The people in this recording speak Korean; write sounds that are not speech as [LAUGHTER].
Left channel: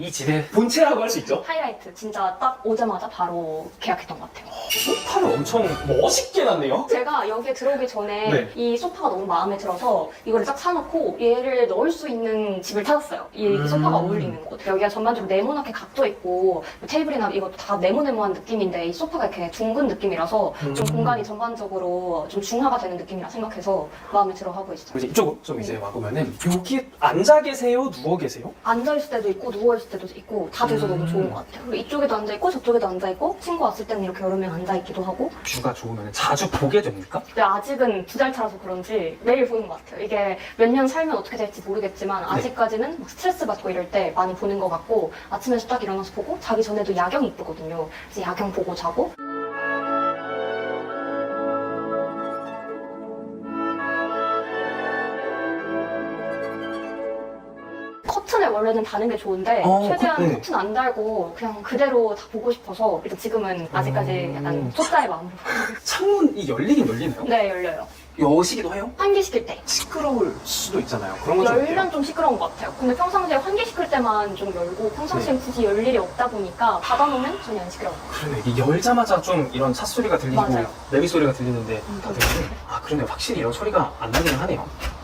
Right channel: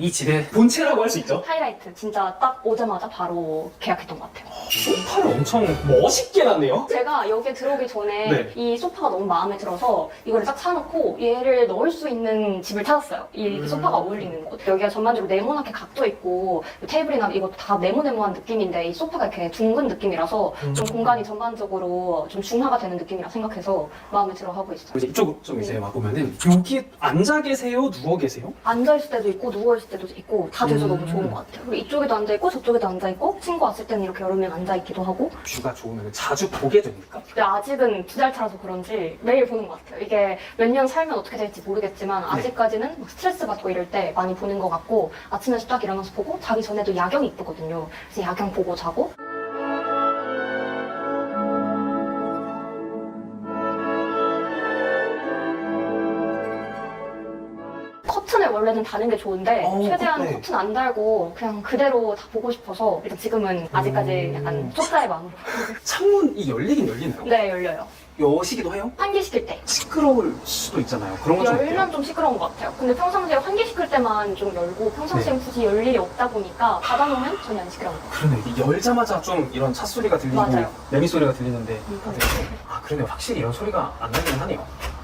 이 집의 본체라고 할 수 있죠. 하이라이트 진짜 딱 오자마자 바로 계약했던 것 같아요. 소파를 엄청 멋있게 놨네요. 제가 여기에 들어오기 전에 네. 이 소파가 너무 마음에 들어서 이거를 딱 사놓고 얘를 넣을 수 있는 집을 찾았어요. 이 음. 소파가 어울리는 곳. 여기가 전반적으로 네모나게 각져 있고 테이블이나 이것도 다 네모네모한 느낌인데 이 소파가 이렇게 둥근 느낌이라서 좀 음. 공간이 전반적으로 좀 중화가 되는 느낌이라 생각해서 마음에 들어 하고 있어요. 이제 이쪽으로 좀 이제 와보면은 여기 앉아 계세요? 누워 계세요? 앉아있을 때도 있고 누워 있을 때도 있고 다 돼서 음. 너무 좋은 것 같아요. 그리고 이쪽에도 앉아 있고 저쪽에도 앉아 있고 친구 왔을 때는 이렇게 여러 명 앉아 있기도 하고 뷰가 좋으면 자주 보게 됩니까? 근데 아직은 두 달 차라서 그런지 매일 보는 것 같아요. 이게 몇 년 살면 어떻게 될지 모르겠지만 네. 아직까지는 막 스트레스 받고 이럴 때 많이 보는 것 같고 아침에서 딱 일어나서 보고 자기 전에도 야경이 이쁘거든요. 그래서 야경 보고 자고 커튼을 원래는 다는 게 좋은데 어, 최대한 네. 커튼 안 달고 그냥 그대로 다 보고 싶어서 일단 지금은 아직까지 음. 약간 초짜의 마음으로 [LAUGHS] 창문이 열리긴 열리나요? 네 열려요. 여시기도 해요? 환기시킬 때 시끄러울 수도 있잖아요. 그런 건좀 어때요? 열면 좀 시끄러운 것 같아요. 근데 평상시에 환기시킬 때만 좀 열고 평상시엔 네. 굳이 열 일이 없다 보니까 닫아놓으면 전혀 안 시끄러워요. 그러네. 이게 열자마자 좀 이런 차 소리가 들리고 맞아요. 매미 소리가 들리는데 음. 다들 아 그러네. 확실히 이런 소리가 안 나기는 하네요.